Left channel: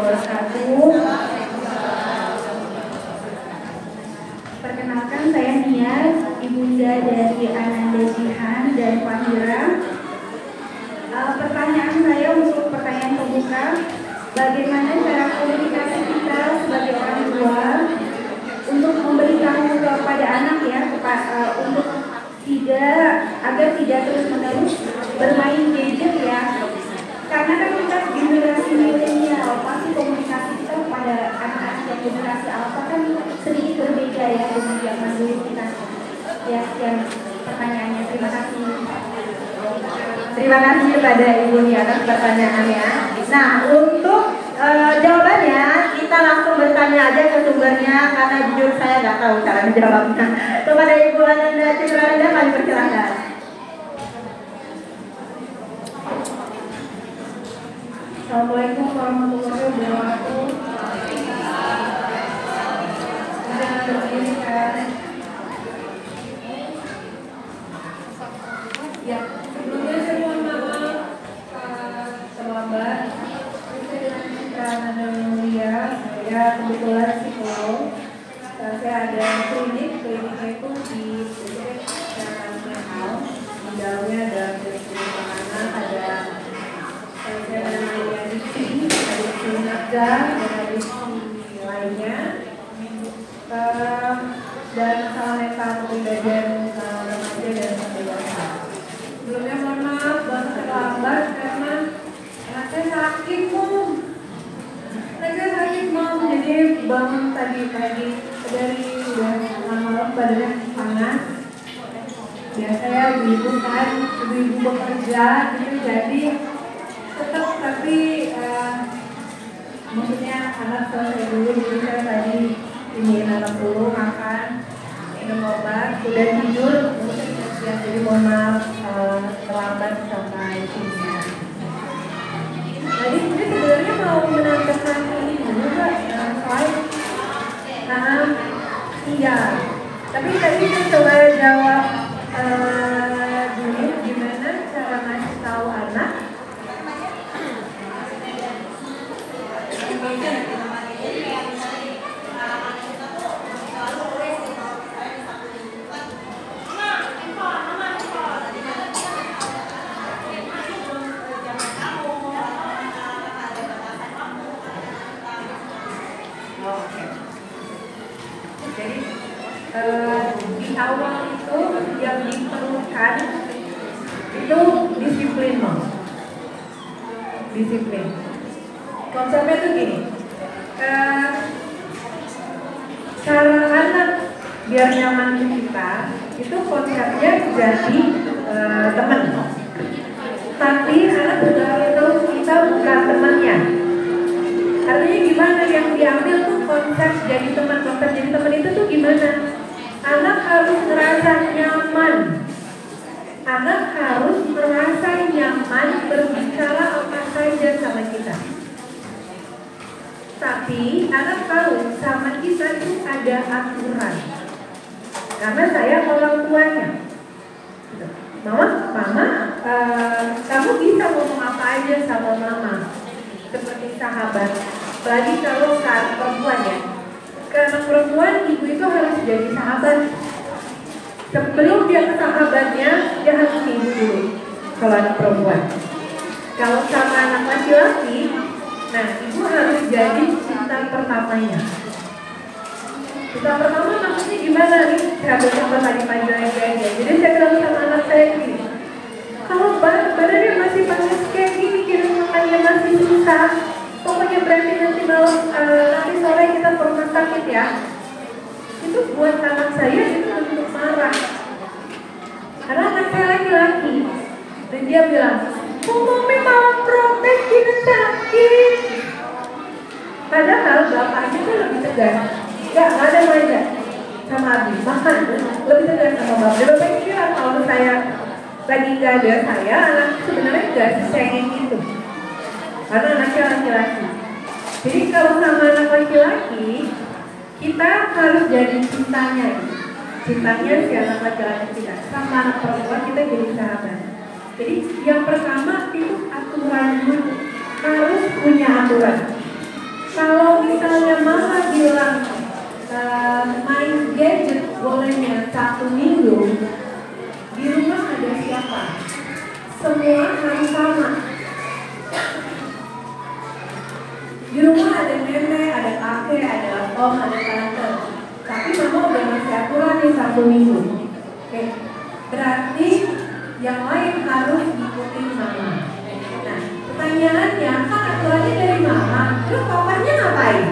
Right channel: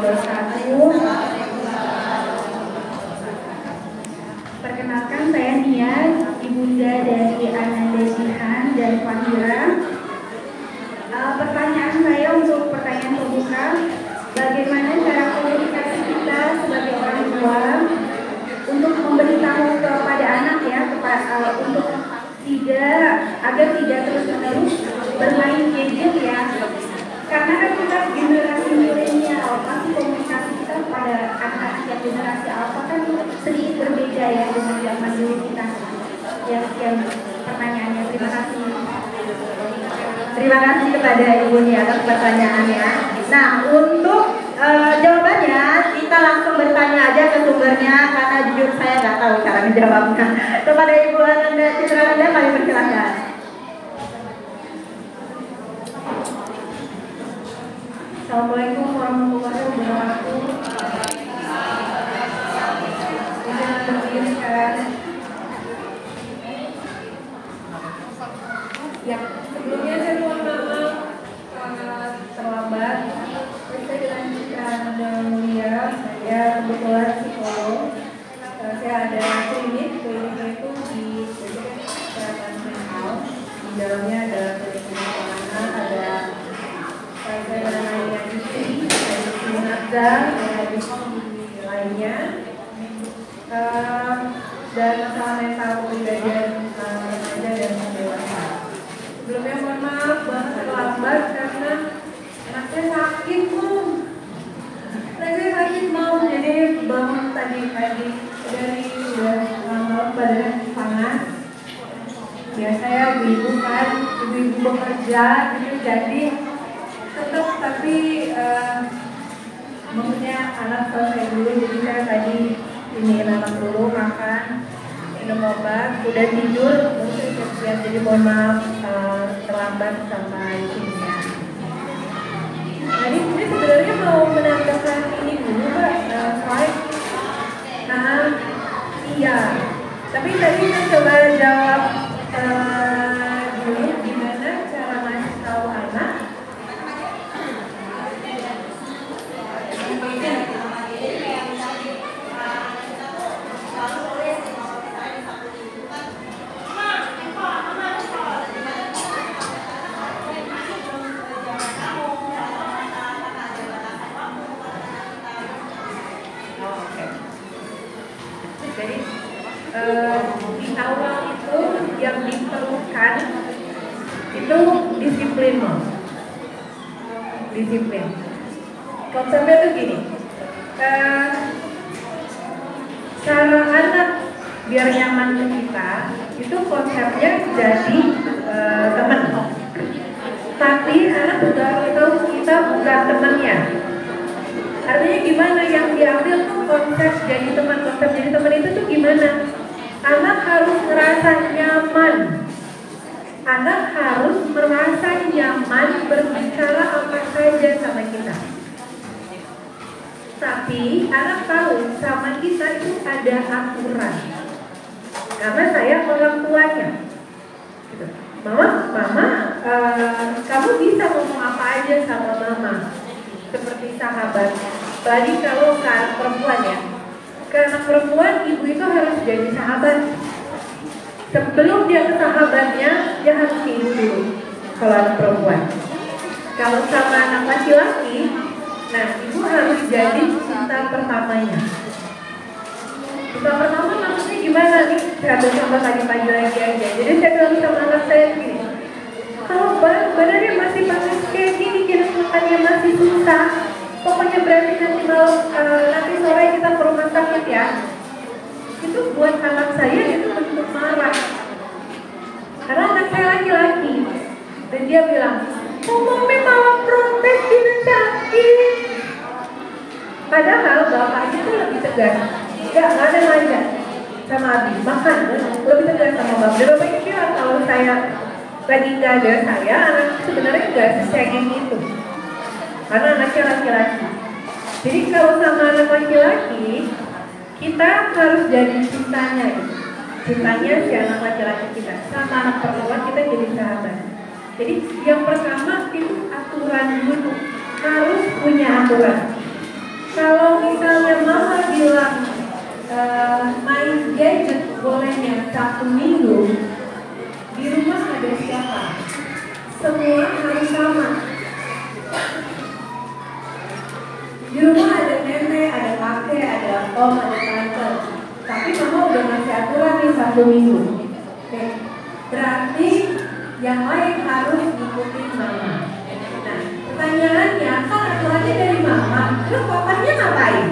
wabarakatuh. Perkenalkan, saya Nia, ibunda dari Ananda Jihan dan Fahira. Pertanyaan saya untuk pertanyaan pembuka, bagaimana cara komunikasi kita sebagai orang tua untuk memberitahu kepada anak ya, untuk agar tidak terus-menerus bermain gadget ya. Karena kan kita generasi milenial, pasti komunikasi kita kepada anak-anak yang generasi alfa kan sedikit berbeda ya dengan zaman dulu kita. Ya, sekian pertanyaannya. Terima kasih. Terima kasih kepada Ibu Nia atas pertanyaannya. Nah, untuk jawabannya kita langsung bertanya aja ke sumbernya karena jujur saya nggak tahu cara menjawabnya. Kepada Ibu Ananda Citralinda kami persilakan. Assalamualaikum warahmatullahi wabarakatuh. Ya, sebelumnya saya mohon maaf terlambat. Saya dengan mulia, saya kebetulan psikolog. Saya ada kliniknya itu di kesehatan mental. Di dalamnya ada klinik anak, ada saya namanya Diksi, dan lainnya. Dan masalah mental kepribadian remaja dan dewasa. Sebelumnya mohon maaf banget terlambat karena anak saya sakit jadi bangun tadi dari udah malam badan panas. Biasa ya ibu kan ibu bekerja jadi tetap tapi maksudnya anak selesai dulu jadi saya tadi ini anak dulu makan minum obat sudah tidur mungkin ya, jadi mohon maaf terlambat sampai sini. Jadi sebenarnya mau menanyakan ini dulu Pak, slide. Nah, iya. Tapi tadi saya coba jawab dulu gimana cara ngasih tahu anak. Di awal itu yang diperlukan itu disiplin. Konsepnya tuh gini, cara anak biar nyaman ke kita itu konsepnya jadi teman. Tapi anak udah tahu kita bukan temannya. Artinya gimana yang diambil tuh konsep jadi teman. Konsep jadi teman itu tuh gimana? Anak harus merasa nyaman. Anak harus merasa nyaman berbicara apa saja sama kita. Tapi anak tahu sama kita itu ada aturan. Karena saya orang tuanya. Mama, kamu bisa ngomong apa aja sama mama. Seperti sahabat. Lagi kalau saat perempuan ya. Karena perempuan, ibu itu harus jadi sahabat. Sebelum dia ke sahabatnya, dia harus ke ibu dulu. Kalau anak perempuan. Kalau sama anak laki-laki, nah ibu harus jadi cinta pertamanya. Cinta pertama maksudnya gimana nih? Saya ambil contoh tadi pagi lagi aja. Jadi saya bilang sama anak saya gini, kalau badannya masih panas kayak gini, makannya masih susah, pokoknya berarti nanti malam, nanti sore kita ke rumah sakit ya. Itu buat anak saya itu untuk marah. Karena anak saya laki-laki. Dan dia bilang, ngomongnya malah protes kita sakit. Padahal bapaknya tuh lebih tegas. Ya, gak ada manja sama Abi. Makan, lebih tegas sama bapak. Bapak kira kalau saya lagi jaga saya, anak sebenarnya gak sesengeng itu. Karena anaknya laki-laki. Jadi kalau sama anak laki-laki, kita harus jadi cintanya. Cintanya si anak laki-laki kita. Sama anak perempuan kita jadi sahabat. Jadi yang pertama itu aturan dulu. Harus punya aturan. Kalau misalnya mama bilang main gadget bolehnya Sabtu Minggu, di rumah ada siapa? Semua harus sama. Di rumah ada nenek, ada kakek, ada om, ada tante. Tapi mama udah ngasih aturan nih Sabtu Minggu. Oke. Berarti yang lain harus ngikutin mama. Nah, pertanyaannya, kan aturannya dari mama, terus papanya ngapain?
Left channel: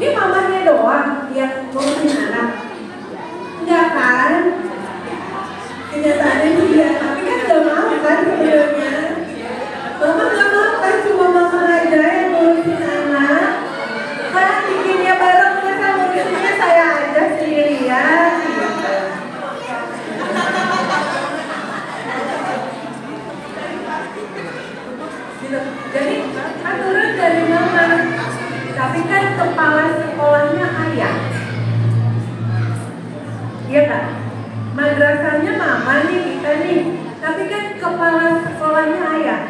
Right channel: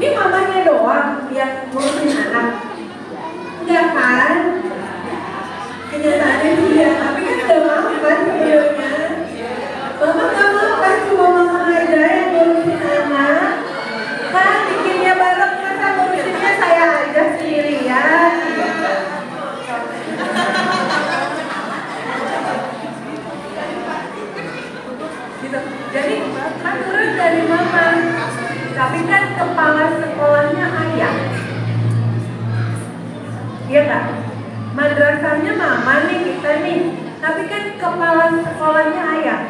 Ini mamanya doang yang ngurusin anak. Enggak kan? Kenyataannya dia, tapi kan gak mau kan sebenarnya. Mama gak mau kan cuma mama aja yang ngurusin anak. Kan bikinnya bareng, masa ngurusinnya saya aja sendirian. Jadi aturan dari mama, tapi kan kepala sekolahnya ayah. Iya kan? Madrasahnya mama nih, kita nih, tapi kan kepala sekolahnya ayah.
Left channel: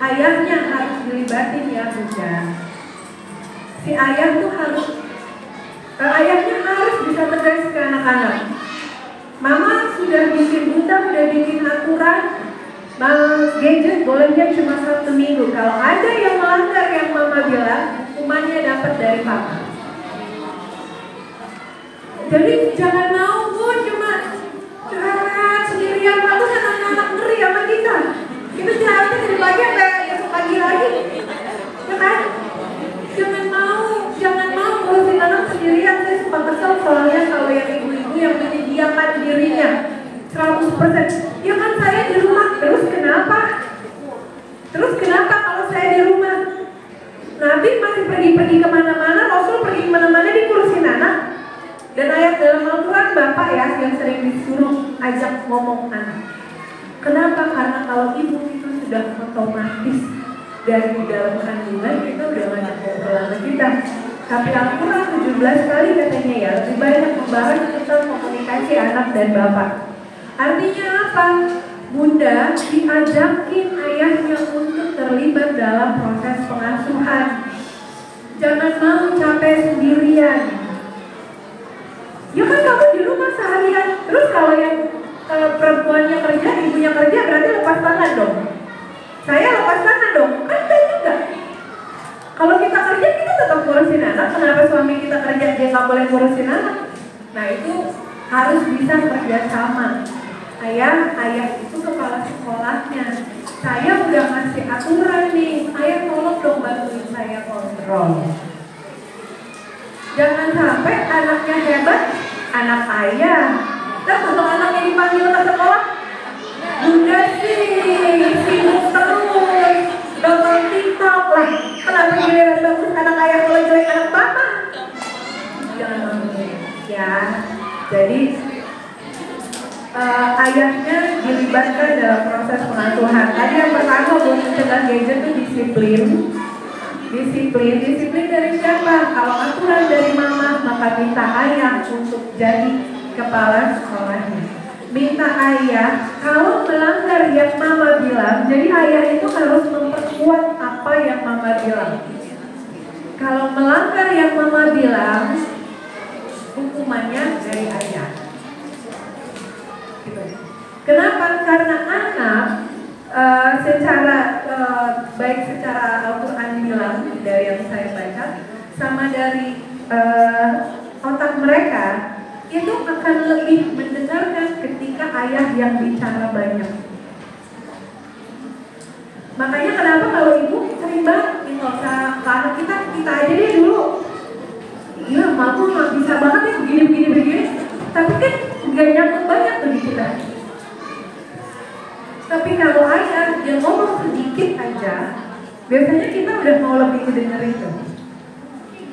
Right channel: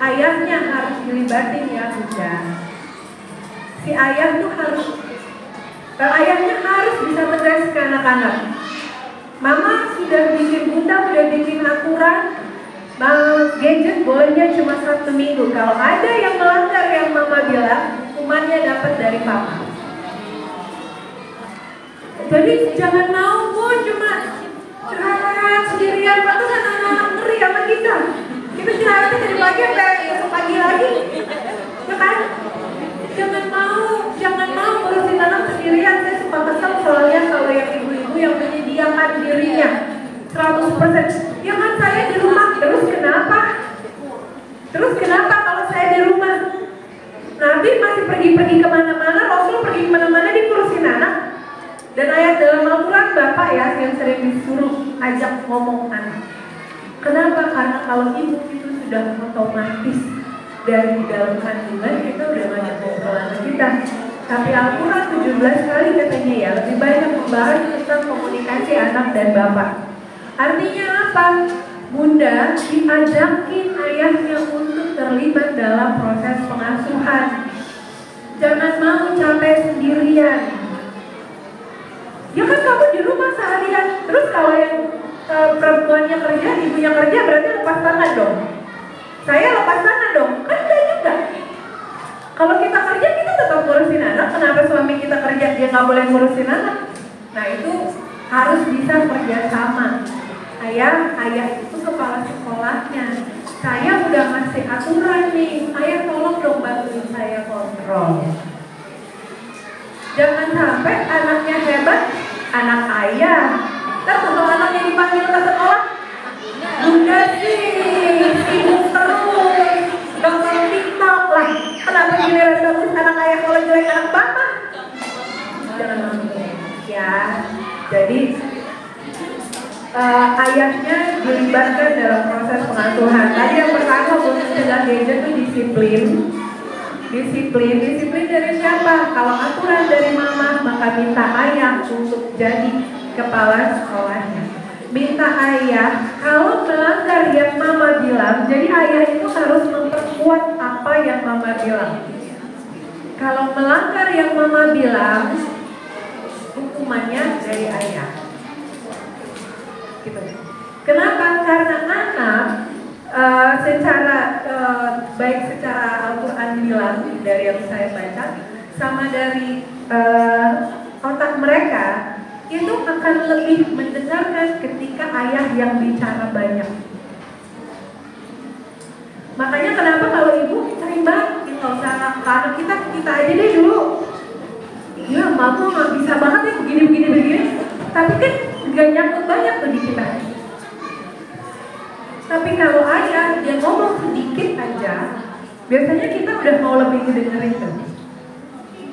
Ayahnya harus dilibatin ya Bunda. Si ayah tuh harus, ayahnya harus bisa tegas ke anak-anak. Mama sudah bikin, Bunda udah bikin aturan, gadget bolehnya cuma Sabtu Minggu. Kalau ada yang melanggar yang mama bilang, hukumannya dapat dari papa. Jadi jangan mau pun cuma curhat sendirian, lalu anak-anak ngeri sama kita. Kita istirahatnya dari pagi sampai besok pagi lagi, ya kan? Jangan mau ngurusin anak sendirian. Saya suka kesel soalnya kalau yang ibu-ibu yang menyediakan dirinya 100%. Ya kan saya di rumah, terus kenapa kalau saya di rumah? Nabi masih pergi kemana-mana, Rasul pergi kemana-mana dikurusin anak. Dan ayat dalam Al-Quran Bapak ya yang sering disuruh ajak ngomong anak. Kenapa? Karena kalau ibu itu sudah otomatis dari dalam kandungan kita udah ngajak ngobrol sama kita. Tapi Al-Quran 17 kali katanya ya lebih banyak membahas tentang komunikasi anak dan bapak. Artinya apa? Bunda diajakin ayahnya untuk terlibat dalam proses pengasuhan. Jangan mau capek sendirian. Ya kan kamu di rumah seharian. Terus kalau yang perempuannya kerja, ibunya kerja berarti lepas tangan dong. Saya lepas tangan dong. Kan enggak juga. Kalau kita kerja kita tetap ngurusin anak. Kenapa suami kita kerja dia nggak boleh ngurusin anak? Nah itu harus bisa kerjasama. Ayah itu kepala sekolahnya. Saya udah ngasih aturan nih. Ayah tolong dong bantuin saya kontrol. Jangan sampai anaknya hebat, anak ayah. Kan untuk anaknya dipanggil ke sekolah, Bunda sih sibuk terus, nonton TikTok lah. Kenapa giliran bagus anak ayah kalau jelek anak bapak? Jangan ya. Jadi ayahnya dilibatkan dalam proses pengasuhan. Tadi yang pertama untuk mencegah gadget itu disiplin. Disiplin dari siapa? Kalau aturan dari mama, maka minta ayah untuk jadi kepala sekolahnya. Minta ayah, kalau melanggar yang mama bilang, jadi ayah itu harus memperkuat apa yang mama bilang. Kalau melanggar yang mama bilang, hukumannya dari ayah. Gitu. Kenapa? Karena anak baik secara Al-Quran bilang dari yang saya baca sama dari otak mereka itu akan lebih mendengarkan ketika ayah yang bicara banyak. Makanya kenapa kalau ibu sering banget nggak usah ke anak kita aja deh dulu. Iya, mama nggak bisa banget nih begini. Tapi kan nggak nyangkut banyak tuh di kita. Tapi kalau ayah dia ngomong sedikit aja, biasanya kita udah mau lebih dengerin tuh.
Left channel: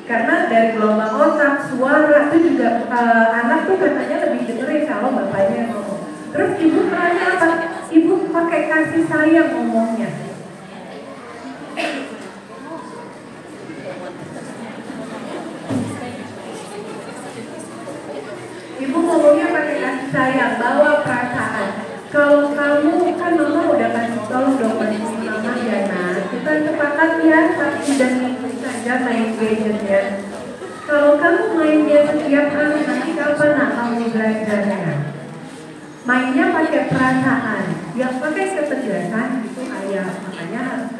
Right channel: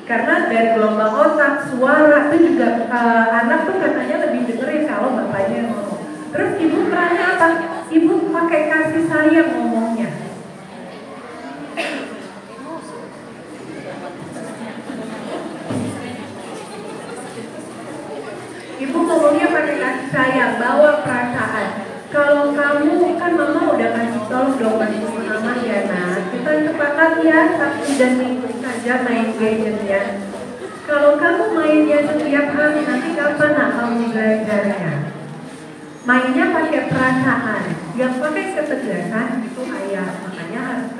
Karena dari gelombang otak, suara itu juga anak tuh katanya lebih dengerin kalau bapaknya ngomong. Terus ibu perannya apa? Ibu pakai kasih sayang ngomongnya. Ibu ngomongnya pakai kasih sayang, bawa perasaan. Kalau kamu kan mama udah kasih tolong dong mama ya, nah kita sepakat ya Sabtu sudah ngikut saja main gadgetnya. Kalau kamu mainnya setiap hari, nanti kapan kamu belajarnya? Mainnya pakai perasaan, yang pakai kecerdasan itu ayah. Makanya harus